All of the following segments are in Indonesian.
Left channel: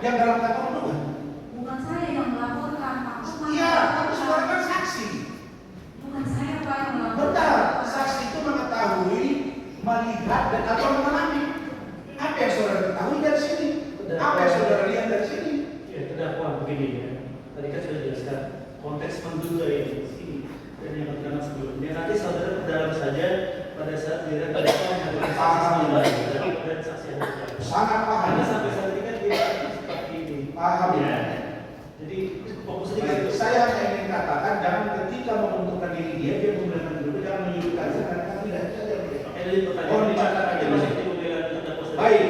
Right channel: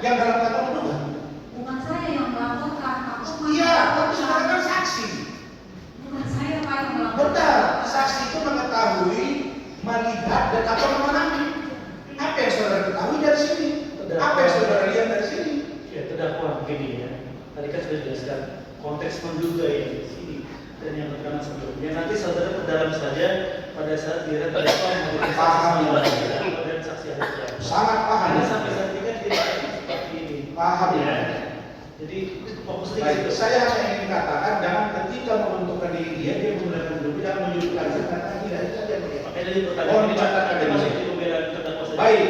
yang dalam kantor bukan? Bukan saya yang melaporkan. Iya, tapi saudara kan saksi. Bukan saya Pak yang melaporkan. Benar, saksi itu mengetahui, melihat dan atau memahami. Apa yang saudara ketahui dari sini? Apa yang saudara lihat dari sini? Ya, terdakwa begini ya. Tadi kan sudah dijelaskan konteks menduga yang di sini dan yang pertama sebelumnya. Nanti saudara ke dalam saja pada saat dia terdakwa memberikan dan saksi ahli. Sangat paham. Karena sampai saat ini kan tidak seperti ini. Paham ya. Jadi fokusnya Baik, itu. saya hanya ingin katakan jangan ketika membentukkan diri dia menggunakan dulu dan menyebutkan karena tidak itu saja. Makanya dari pertanyaan ini ada masih di pembelaan terdakwa saja. Baik,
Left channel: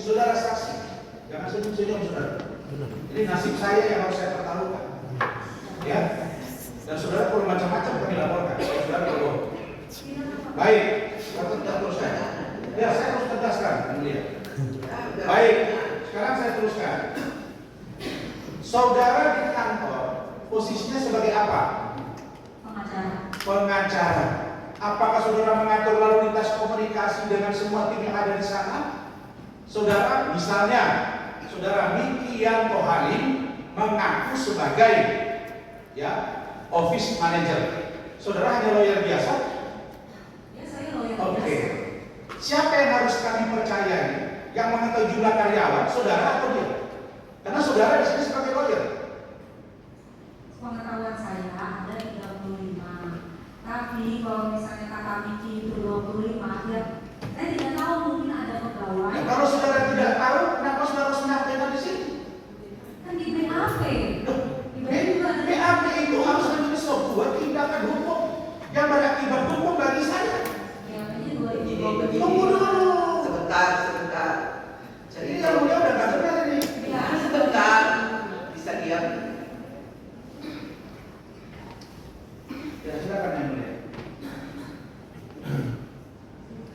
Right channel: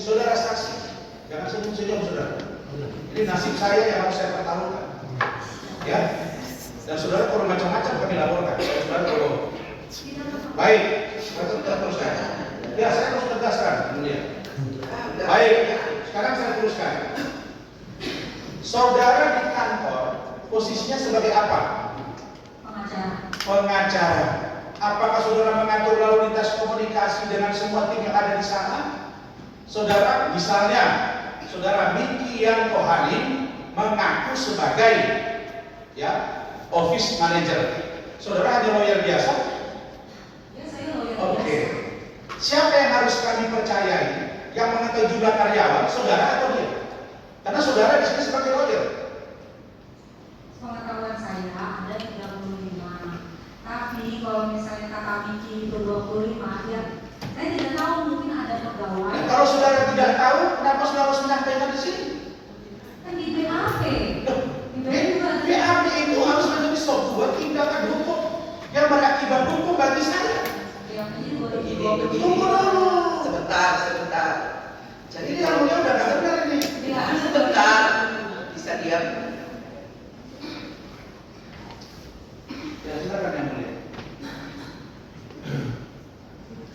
saudara saksi, jangan senyum-senyum saudara. Ini nasib saya yang harus saya pertaruhkan. Ya, dan saudara kalau macam-macam kami laporkan. Saudara kalau baik, saya tidak teruskan. Ya, saya harus tegaskan, kemudian. Baik, sekarang saya teruskan. Saudara di kantor posisinya sebagai apa? Pengacara. Pengacara. Apakah saudara mengatur lalu lintas komunikasi dengan semua tim yang ada di sana? Saudara, misalnya, saudara Miki Yanto Halim mengaku sebagai ya office manager. Saudara hanya lawyer biasa? Ya, saya lawyer. Oke. Siapa yang harus kami percayai? Yang mengetahui jumlah karyawan, saudara atau dia? Karena saudara di sini sebagai lawyer. Pengetahuan saya ada 35. Tapi kalau misalnya kata Miki itu 25, ya saya tidak tahu, mungkin ada pegawai. Nah, kalau saudara tidak tahu, kenapa saudara harus menyampaikan di sini? Kan di BAP. Di BAP juga ada. BAP itu harus menjadi sebuah tindakan hukum yang berakibat hukum bagi saya. BAP-nya Begini, 2020. Tunggu dulu. Sebentar. Jadi Ini yang mulia udah nggak benar ini. sebentar, bisa diam. Ya silakan yang mulia.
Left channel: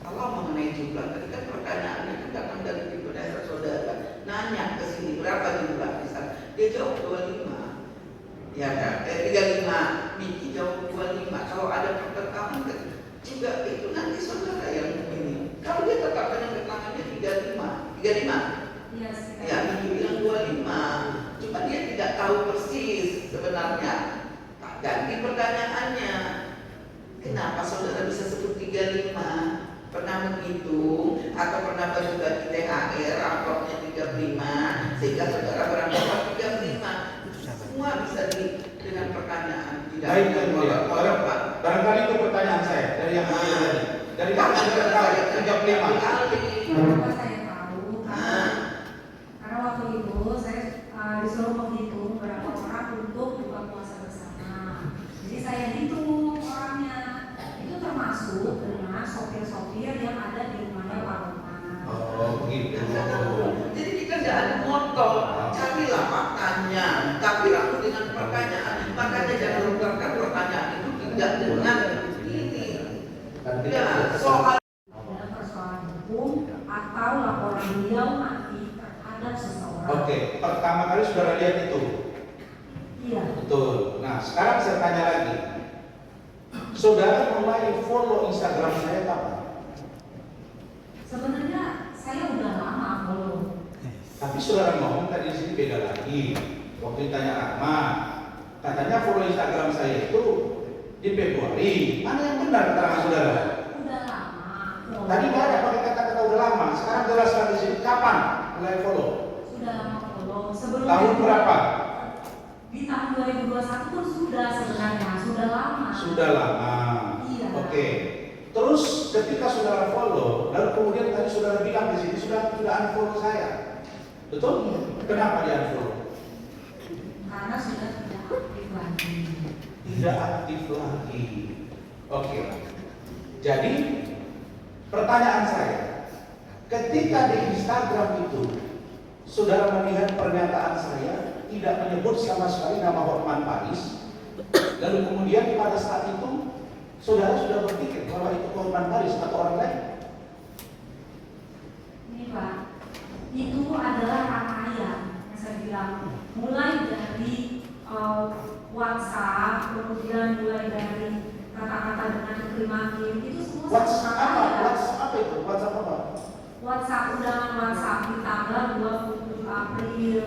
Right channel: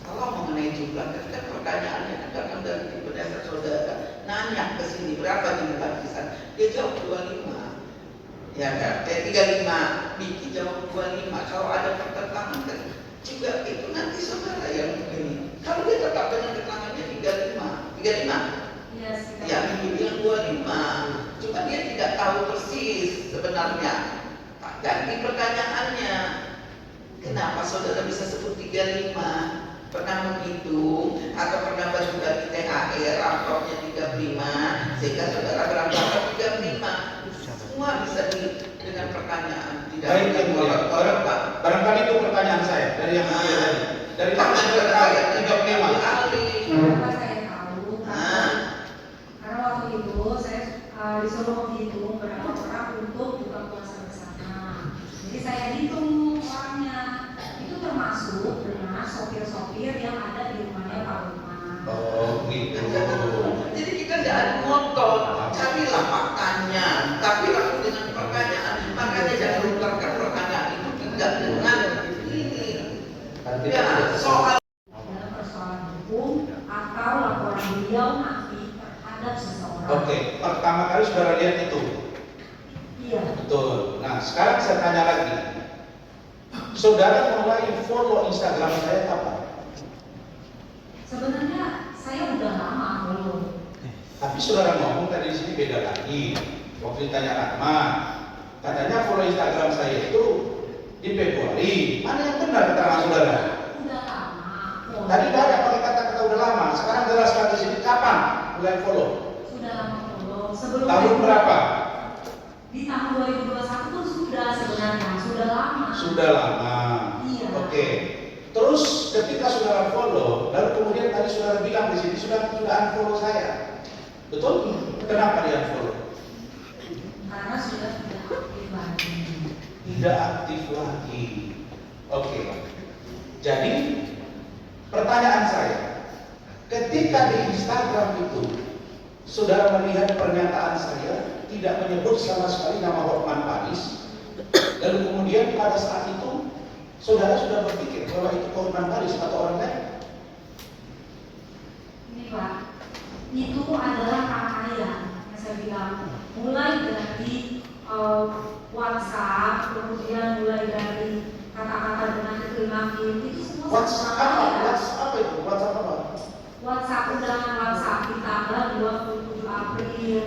Kalau mengenai jumlah, ketika pertanyaannya datang dari tipe dasar saudara, nanya ke sini berapa jumlah kisah, dia jawab 25. Ya kan? 35. Miki jawab 25. Kalau ada pertentangan kan juga itu nanti saudara yang ini. Kalau dia tetap dengan keterangannya 35. 35. Iya, sih. Ya, Miki bilang 25. Cuma dia tidak tahu persis sebenarnya. Tak ganti pertanyaannya. Kenapa saudara bisa sebut 35? Pernah menghitung atau pernah bagi-bagi THR raportnya 35 sehingga saudara beranggapan 35. Semua bisa dengan pertanyaan. Tidak Baik yang mulia. Barangkali itu pertanyaan saya dari yang mulia tadi. Dari Karena kamu juga saya 35. Kenapa saya tahu? Karena waktu itu saya disuruh menghitung berapa orang untuk buka puasa bersama. Jadi saya hitung orangnya. Itu termasuk dengan sopir-sopir yang ada di rumahnya Pak Umar. Oh gitu. Jadi kita tidak ada motor, carilah faktanya, tapi aku dengan pertanyaan, makanya jangan lupakan pertanyaan itu tidak dengan ini. Ya, soal Dalam persoalan hukum atau laporan beliau nanti terhadap seseorang. Oke, pertama kali saudara lihat itu. Iya. Betul. Nah, sekarang saya tanya lagi. Saudara mulai follow Instagram saya kapan? Sebenarnya saya udah lama follow. Tapi saudara ngomong tadi di sini beda lagi. Waktu ditanya Rahma, katanya follow Instagram saya itu di Februari. Mana yang benar keterangan saudara? Udah lama. Follow. Tadi banyak pakai kata-kata udah lama. Sekarang jelaskan di sini kapan mulai follow? Sudah lama follow. Sebelum Tahun berapa? Di tahun 2021 pun sudah sebenarnya, sudah lama. Sudah lama. Iya. Oke. Terus ketika saudara follow, lalu kemudian tadi saudara bilang di sini sudah unfollow saya. Betul? Kenapa dia unfollow? Karena sudah tidak aktif lagi. Tidak aktif lagi. Oke. Jadi pertanyaan saya, ketika di Instagram itu saudara melihat pernyataan saya tidak menyebut sama sekali nama Hotman Paris, lalu kemudian pada saat itu saudara sudah berpikir bahwa itu Hotman Paris atau orang lain? Ini Pak, itu adalah rangkaian yang saya bilang, mulai dari WhatsApp, kemudian mulai dari kata-kata dengan kekelimakin, itu semua WhatsApp apa? WhatsApp apa itu? WhatsApp apa? WhatsApp, undangan WhatsApp di tanggal 27 April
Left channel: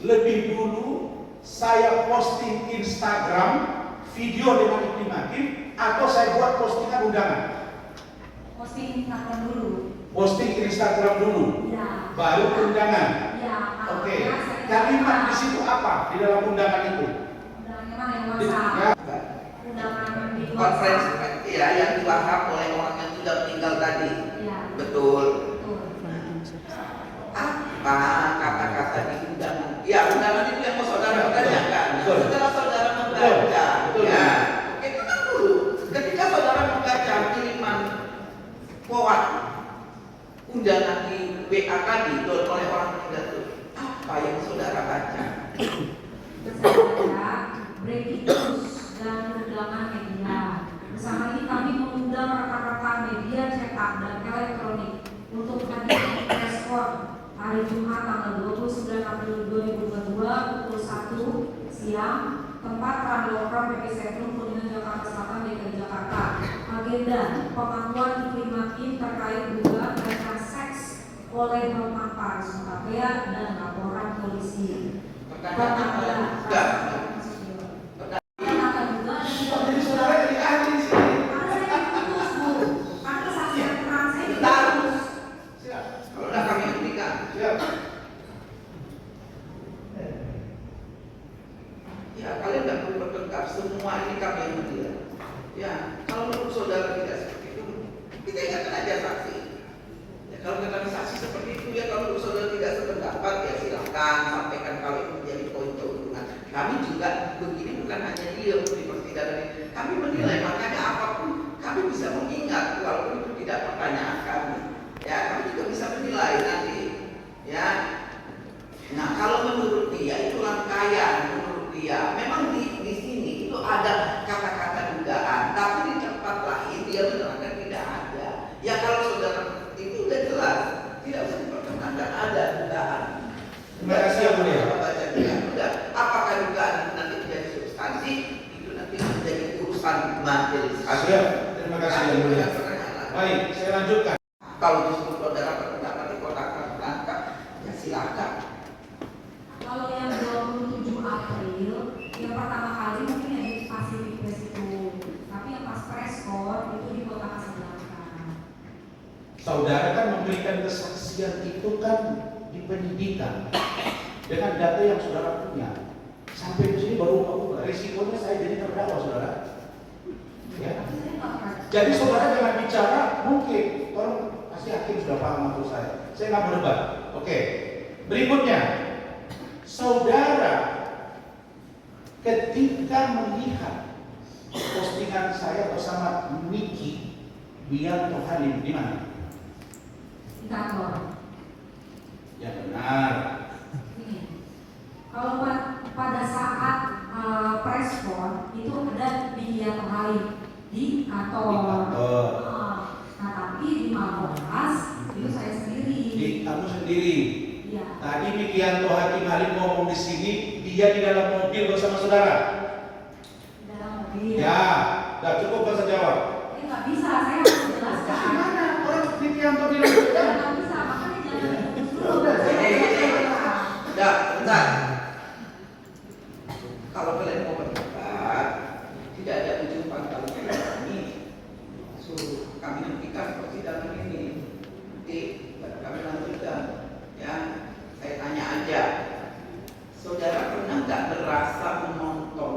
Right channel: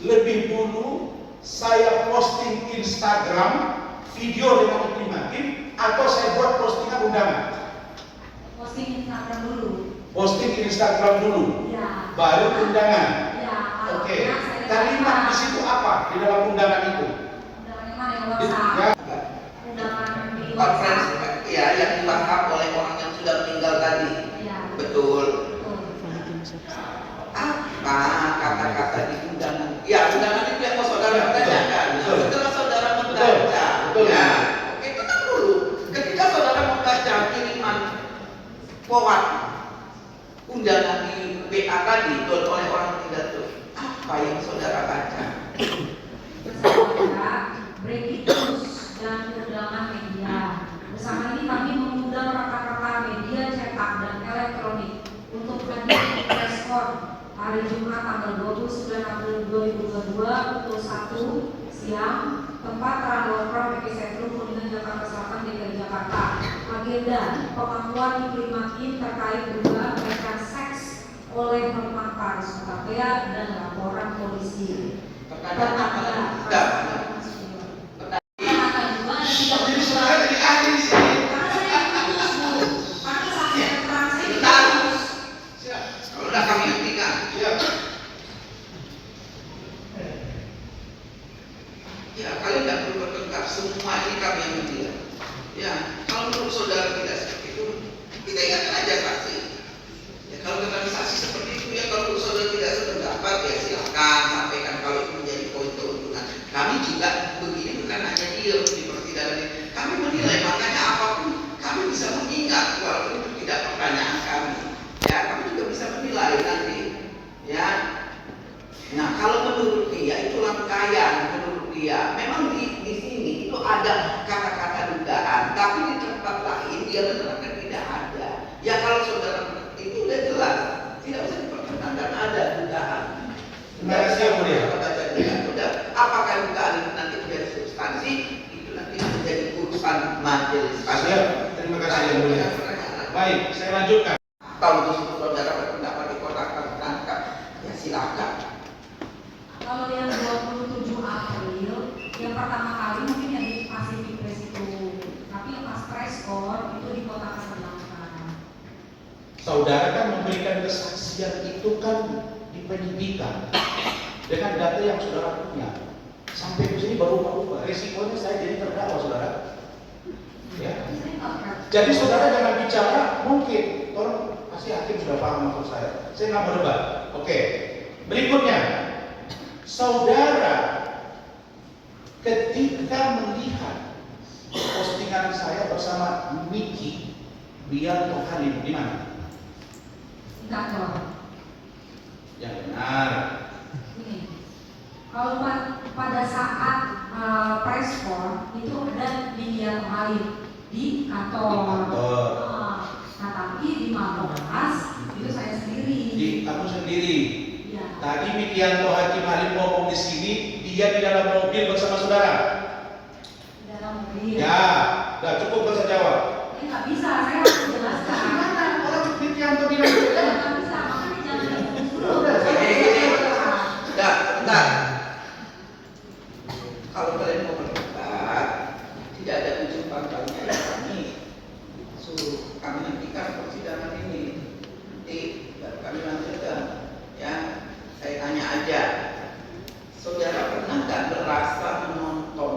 lebih dulu saya posting Instagram video dengan Iklim Hakim atau saya buat postingan undangan? Posting Instagram dulu. Posting Instagram dulu, Ya. baru undangan. Ya. Oke, kalimat di situ apa di dalam undangan itu? Undangan mana yang WhatsApp? Ya. Undangan di Konferensi WhatsApp. ya yang dibahas oleh orang yang sudah meninggal tadi. Iya. Betul. Betul. Apa kata-kata di undangan? Ya undangan itu yang mau saudara tanyakan. Betul. Setelah saudara membaca, Betul. ya. Oke, tenang dulu. Ketika saudara membaca kiriman forward undangan di WA tadi oleh orang meninggal itu, apa yang saudara baca? Bersama breaking news dan undangan media. Bersama ini kami mengundang rekan-rekan media cetak dan elektronik untuk hadir di preskon hari Jumat tanggal 29 April 2022 pukul 1 siang, tempat Randolprom Epicentrum Kuningan Jakarta Selatan DKI Jakarta. Agenda pengakuan Iklim Hakim terkait dugaan pelecehan seks oleh Hotman Paris Hutapea dan laporan polisi. Pertanyaan Pertanyaan juga Jadi saudara jadi ahli di sini. karena saya putus Bu, karena kesaksian terang saya Bentar. putus. Siap. Kalau udah kami hentikan. Siap. Ya, kalian tidak perlu bertengkar. Semua ini kami yang menilai. Ya, kalau menurut saudara tidak seperti itu, kita ingatkan aja saksi. Ya, kalau dengan saksi seperti itu, ya kalau menurut saudara tidak sependapat, ya silakan sampaikan kalau itu menjadi poin keuntungan. Kami juga begini bukan hanya diam di persidangan ini. Kami menilai, makanya apapun kami bisa mengingat walaupun itu tidak pertanyaan kami. Ya, kami juga bisa menilai nanti. Ya, nah kalau menurut dia itu rangkaian menurut dia memang di sini itu ada kata-kata dugaan, tapi di tempat lain dia menerangkan tidak ada. Ya kalau saudara itu udah jelas tidak usah diperkenankan ada dugaan. Terima kasih yang mulia. Baca dugaan udah. Apakah dugaan itu nanti menjadi substansi itu nanti menjadi urusan majelis. Siap. Terima kasih yang mulia. Baik, saya lanjutkan. Kalau disitu saudara berpendapat di kotak tertangkap, ya silakan. Kalau yang 27 April, yang pertama kali mungkin yang di Pacific Place itu, tapi yang pas preskon itu di Kota Kasablanca. Saudara kan memberikan kesaksian itu kan di penyidikan dengan data yang saudara punya. Sampai di sini baru resikonya saya jadi terdakwa, saudara. Ya. Tapi saya nggak pernah. Jadi saudara jangan bicara mungkin, tolong pasti hakim sudah paham maksud saya. Saya nggak mau debat. Oke. Berikutnya, saudara ketika melihat postingan saya bersama Miki Bianto Halim di mana? Di kantor. Yang benar. Ini, kalau pada saat preskon itu ada di Bianto Halim di kantor. Di kantor. Nah tapi di Mapolres itu saya sendiri. Di kamu sendiri. Iya. Tadi Wikianto Hakim Halim ngomong di sini, dia di dalam mobil bersama saudara. Di dalam mobil. Ya, nggak cukup bisa jawab. Nggak bisa, saya harus menjelaskan. Gimana orang Wikianto bilang Ya, beda? nggak bisa, makanya jangan diputus dulu. Udah, Udah, bentar. Kalau kalian mau berdebat, tidak ada ujung pangkalnya ya kami suruh kami hentikan persidangan ini. Nanti kami lanjutkan. Ya, saya tanya aja. Saudara pernah nggak merasa menonton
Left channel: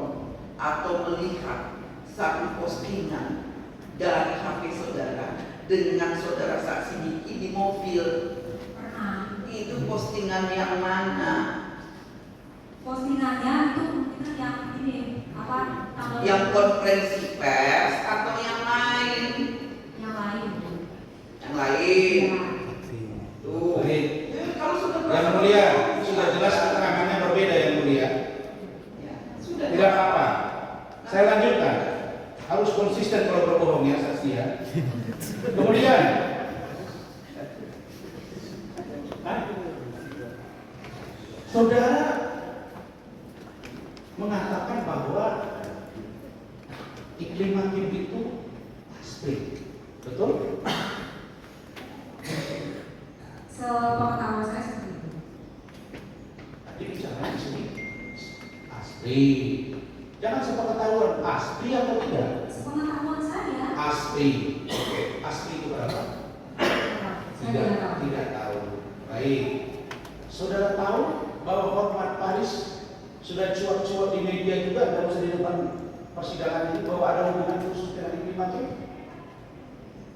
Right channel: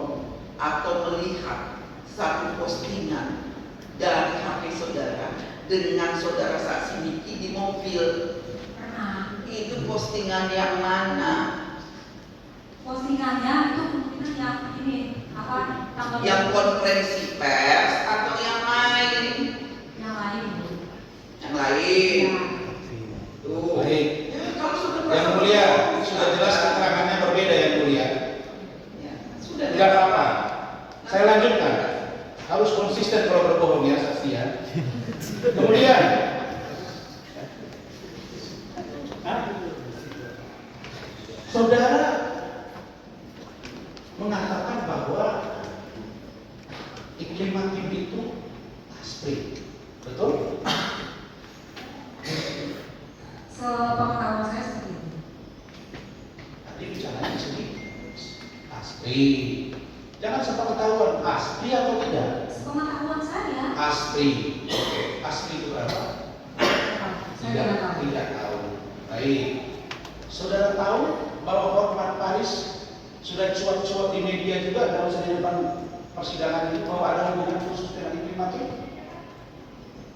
atau melihat satu postingan dari HP saudara dengan saudara saksi Miki di mobil? Pernah. Itu postingan yang mana? Postingannya itu mungkin yang ini apa tanggal Yang konferensi pers atau yang lain? yang lain. Yang lain. Tuh. Baik. Ya, kalau sudah Yang mulia, sudah jelas keterangannya berbeda yang mulia. Ya, sudah. Tidak apa-apa. Saya lanjutkan. Harus konsisten kalau berbohong ya saksi ya. Kemudian, saudara mengatakan bahwa Iklim Hakim itu aspri, betul? Sepengetahuan saya seperti itu. Tapi bicara tulisannya di sini asli. Jangan sampai ketahuan asli atau tidak. Sepengetahuan saya. Asli. Oke, asli itu berapa? Saya Tidak tahu. Baik. Saudara tahu bahwa Hotman Paris sudah cuap-cuap di media juga, tidak usah di depan persidangan ini, bahwa ada hubungan khusus dengan Ibu Matri?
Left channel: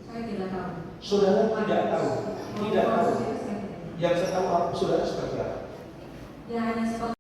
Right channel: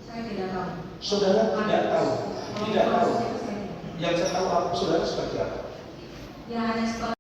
Saya tidak tahu. Saudara tidak tahu. Tidak tahu. Saya tidak tahu. Yang saya tahu saudara seperti apa? Ya hanya seperti